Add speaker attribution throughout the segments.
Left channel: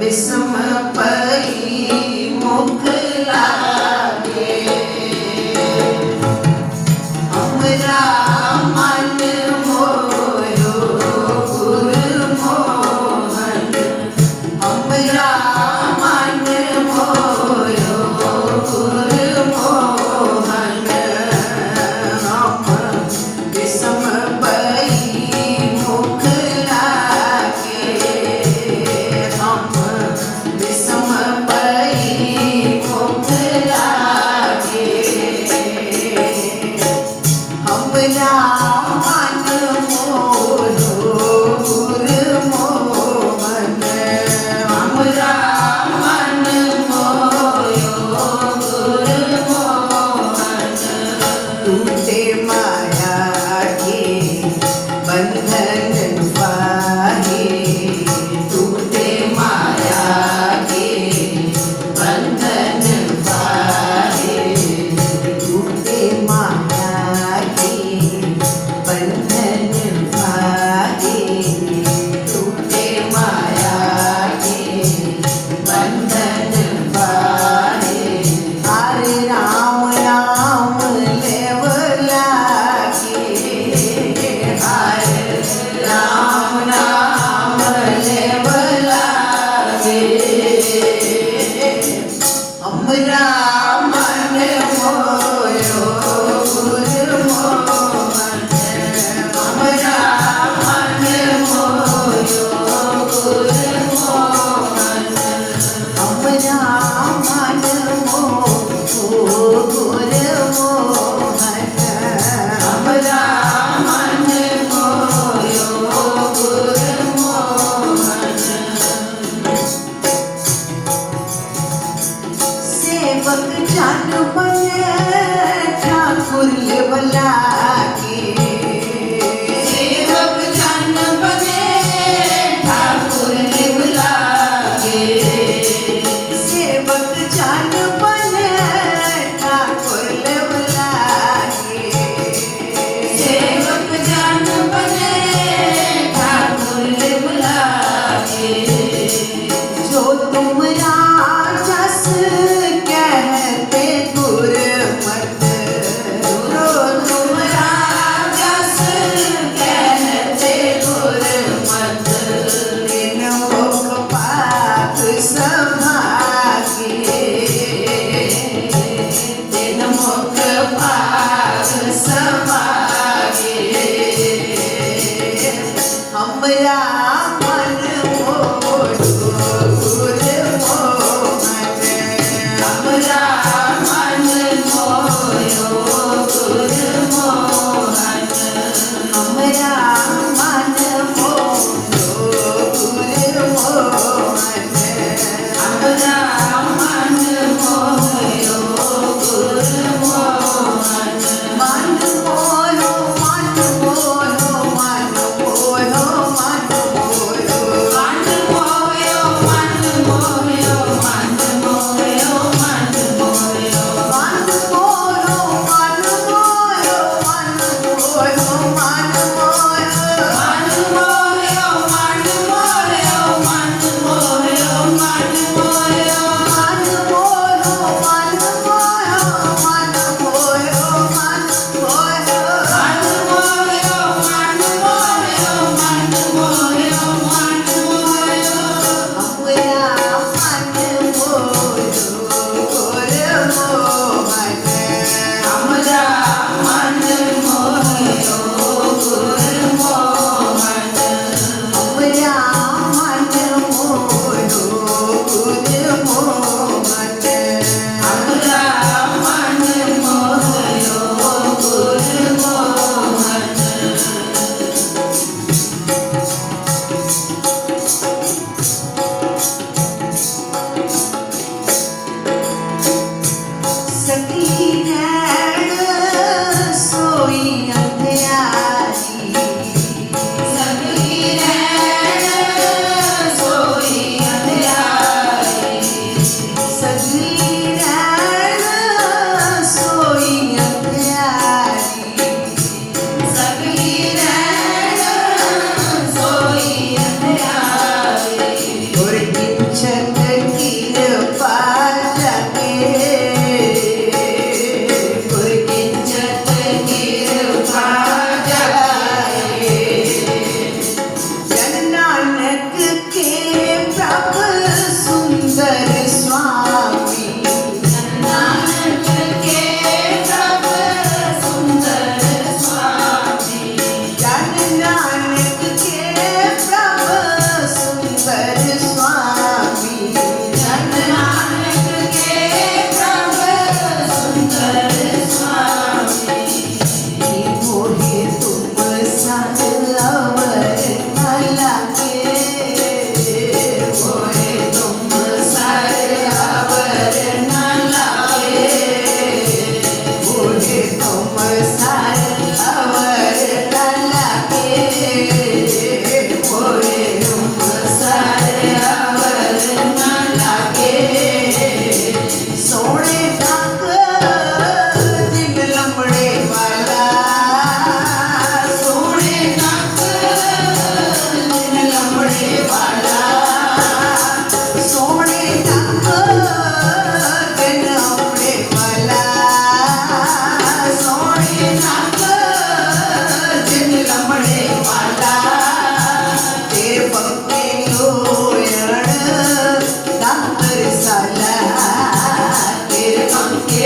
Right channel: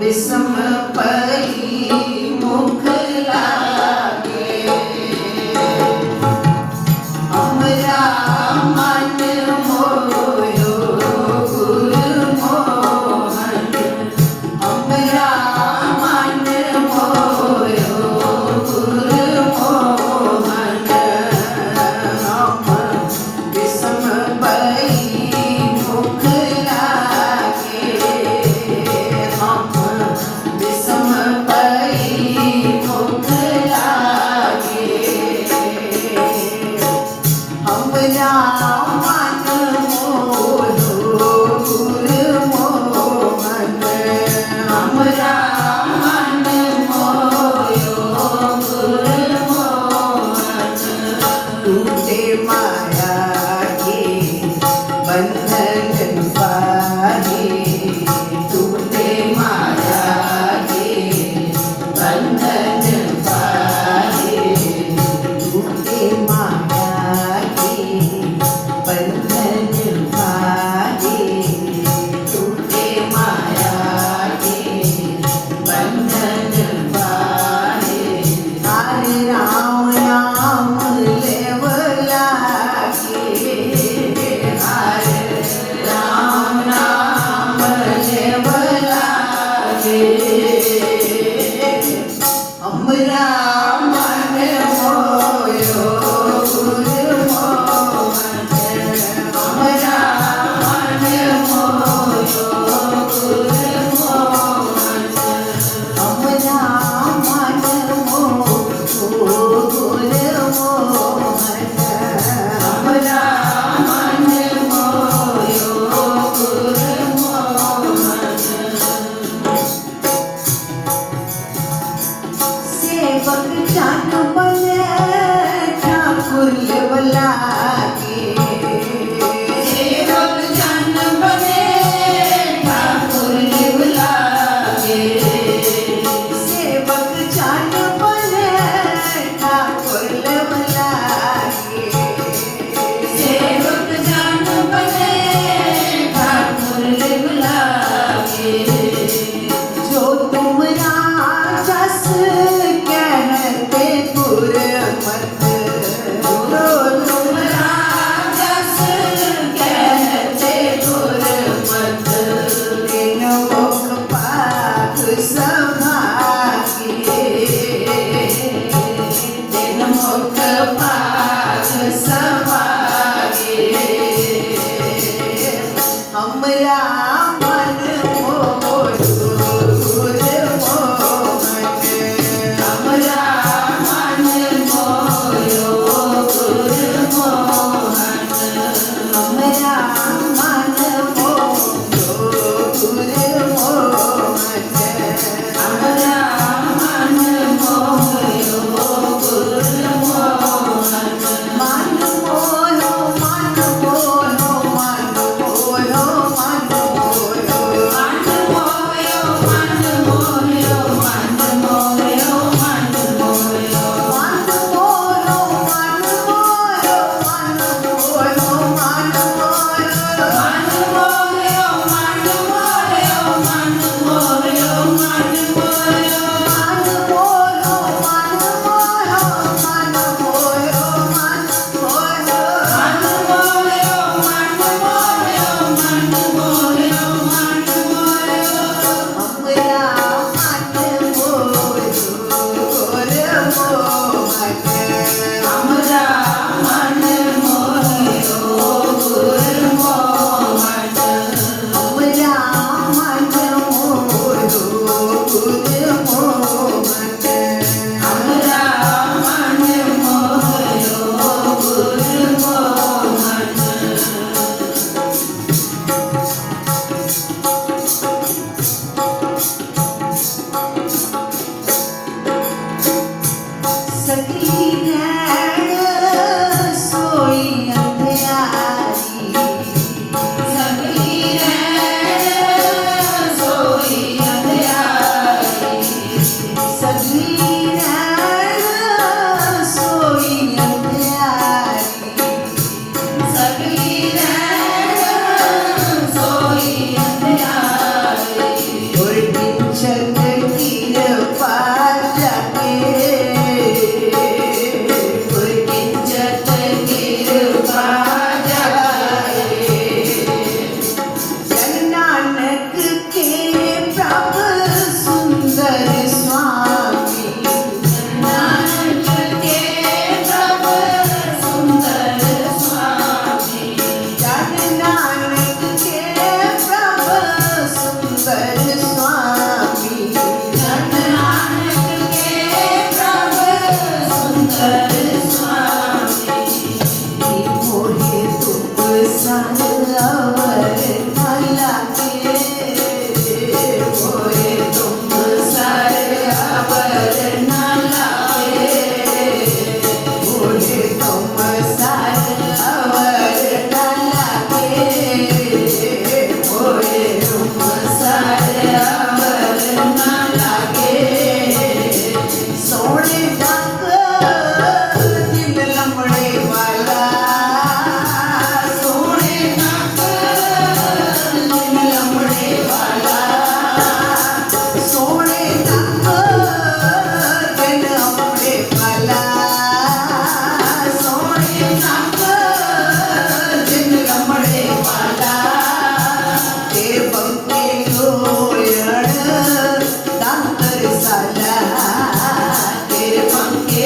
Speaker 1: Vê
Speaker 2: I know. Sama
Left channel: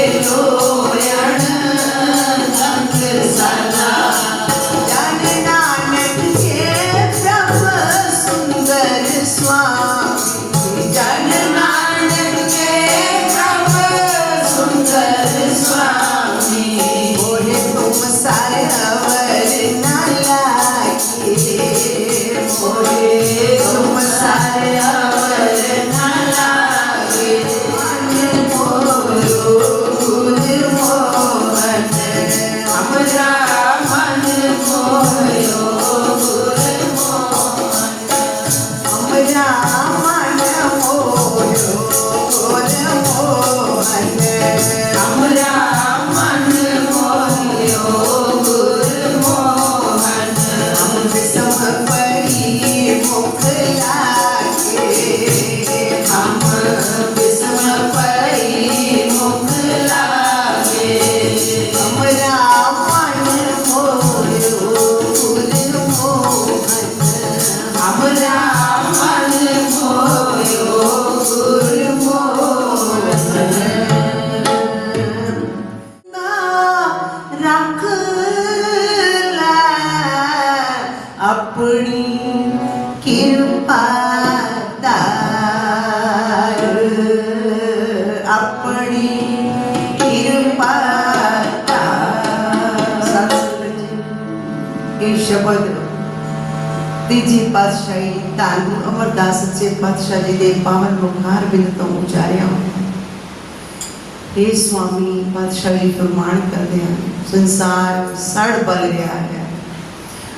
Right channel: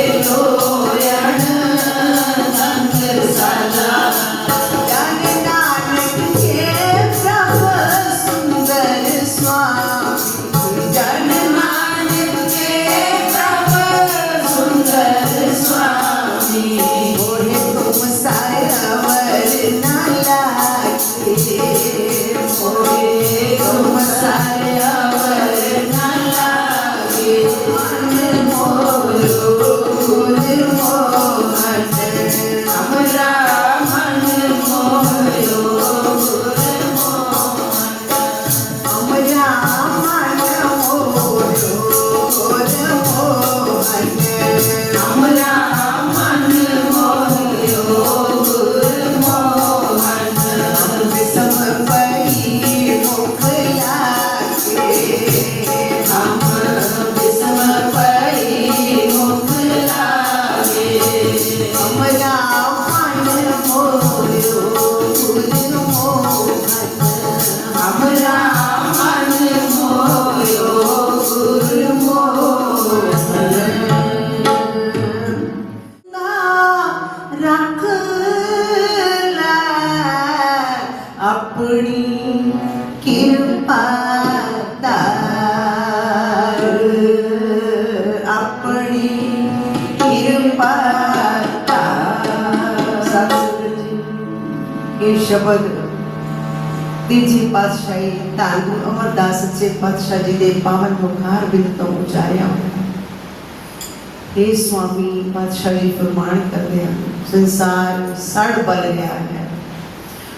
Speaker 2: Señor.
Speaker 3: ਧੰਨ ਅਮਰਦਾਸ ਸੱਚੇ ਪਾਤਸ਼ਾਹ ਜੀ ਦੇ ਪਾਵਨ ਮੁਖਾਰ ਬਿਨ ਤੋਂ ਉਚਾਰਿਆ। ਇਹ ਸੁਆਮੀ, ਪਾਤਸ਼ਾਹ ਜੀ ਪ੍ਰਮਾਣ ਕਰਦੇ ਹਨ, ਸੰਸਾਰ ਸੜ ਬਲ ਰਿਹਾ ਹੈ।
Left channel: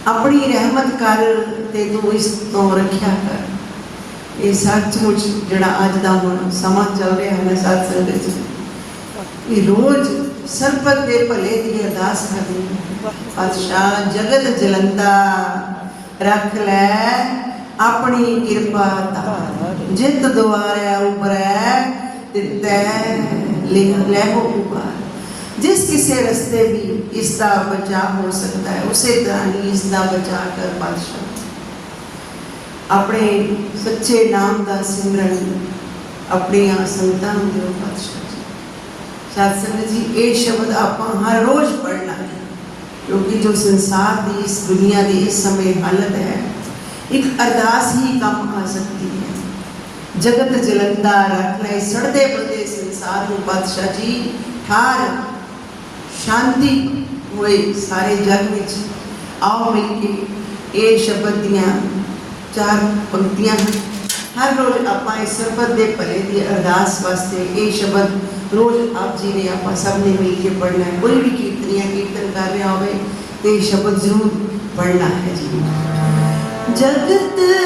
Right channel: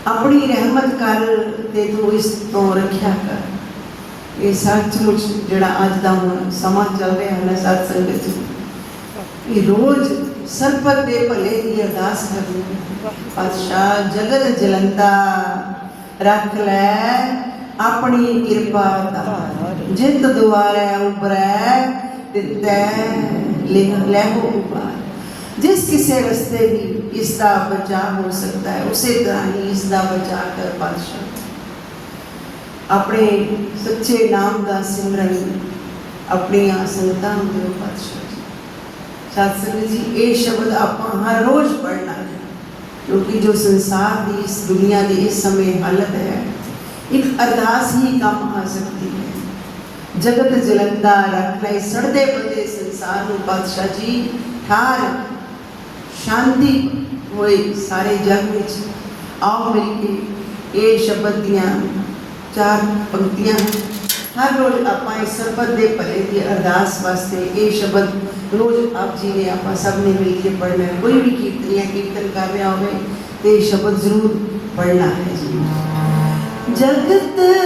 Speaker 3: ਆਪਣੀ ਰਹਿਮਤ ਕਰ ਤੇ ਤੂੰ ਇਸ ਤੋਂ ਰੱਖਿਆ ਕਰ। ਇਹ ਸੱਚਮੁੱਚ ਜਿਹੜਾ ਅੱਜ ਦਾ ਸਮਾਂ ਚੱਲ ਰਿਹਾ ਹੈ ਸਾਧ ਸੰਗਤ ਜੀ, ਇਹ ਰੋਜ਼ ਸਰਬਤ ਦੇ ਭਲੇ ਦੀ ਅਰਦਾਸ ਕਰਨੀ ਪਾਤਸ਼ਾਹ ਜਗਤ ਜਲੰਦਾ ਰੱਖ ਲੈ। ਆਪਣੀ ਕਿਰਪਾ ਧਾਰ ਜਿਤ ਦੁਆਰੇ ਉਬਰੈ ਤਿਤੈ ਲਿਖ ਲੈ ਉਪਾਰ ਜਿਸ ਕਿਸੇ ਰਸਤੇ ਵੀ ਇਸ ਦਾ ਬਚਾਅ ਹੋ ਸਕਦਾ ਹੈ ਉਸੇ ਤਰ੍ਹਾਂ ਹੀ ਇਸ ਦਾ ਬਚਾਅ ਕਰ ਪਾਤਸ਼ਾਹ ਆਪਣੇ ਸੱਚੇ ਨਾਮ ਦਾ ਸਿਮਰਨ ਆਪਣੀਆਂ ਸੰਗਤਾਂ ਨੂੰ ਦਿਓ ਪਾਤਸ਼ਾਹ ਸਾਧ ਸੰਗਤ ਜੀ ਇਹ ਸ਼ਬਦ ਆਪਾਂ ਹਰ ਰੋਜ਼ ਪੜ੍ਹਨਾ ਹੈ ਕਿਉਂਕਿ ਜੋ ਸੰਸਾਰ ਦੀ ਇਸ ਦੁਨੀਆ ਦੀ ਇਸ ਸਮੇਂ ਹਾਲਤ ਹੈ ਇੱਕ ਅਰਦਾਸ ਹੀ ਕੰਮ ਆ ਸਕਦੀ ਹੈ ਜਗਤ ਜਲੰਦਾ ਰੱਖ ਲੈ ਸੜਦੇ ਬਦੇ ਸੰਸਾਰ ਨੂੰ ਪਾਤਸ਼ਾਹ ਜੀ ਠਾਰ ਸ਼ਾਂਤੀ ਹੋਏ ਸਾਰੇ ਜਗ ਵਿੱਚ ਆਓ ਮਿਲ ਕੇ ਇਹ ਸ਼ਬਦ ਦੀਆਂ ਚਾਰ ਪੰਕਤੀਆਂ ਹਰ ਰੋਜ਼ ਆਪਾਂ ਇਸ ਸਰਬਤ ਦੇ ਭਲੇ ਦੀ ਅਰਦਾਸ ਵਾਸਤੇ ਇਹ ਸ਼ਬਦ ਰੋਜ਼ ਆਪ ਜੀ ਨੇ ਆਪਾਂ ਸਭ ਨੇ ਮਿਲ ਕੇ ਪੜ੍ਹਨਾ ਹੈ ਕੋਈ ਵੀ ਕੀਰਤਨੀਆ ਕੀਰਤਨ ਕਰ ਰਿਹਾ ਹੋਵੇ ਤੇ ਇਹ ਸ਼ਬਦ ਜ਼ਰੂਰ ਪੜ੍ਹਨਾ ਹੈ ਜੀ
Speaker 2: जगत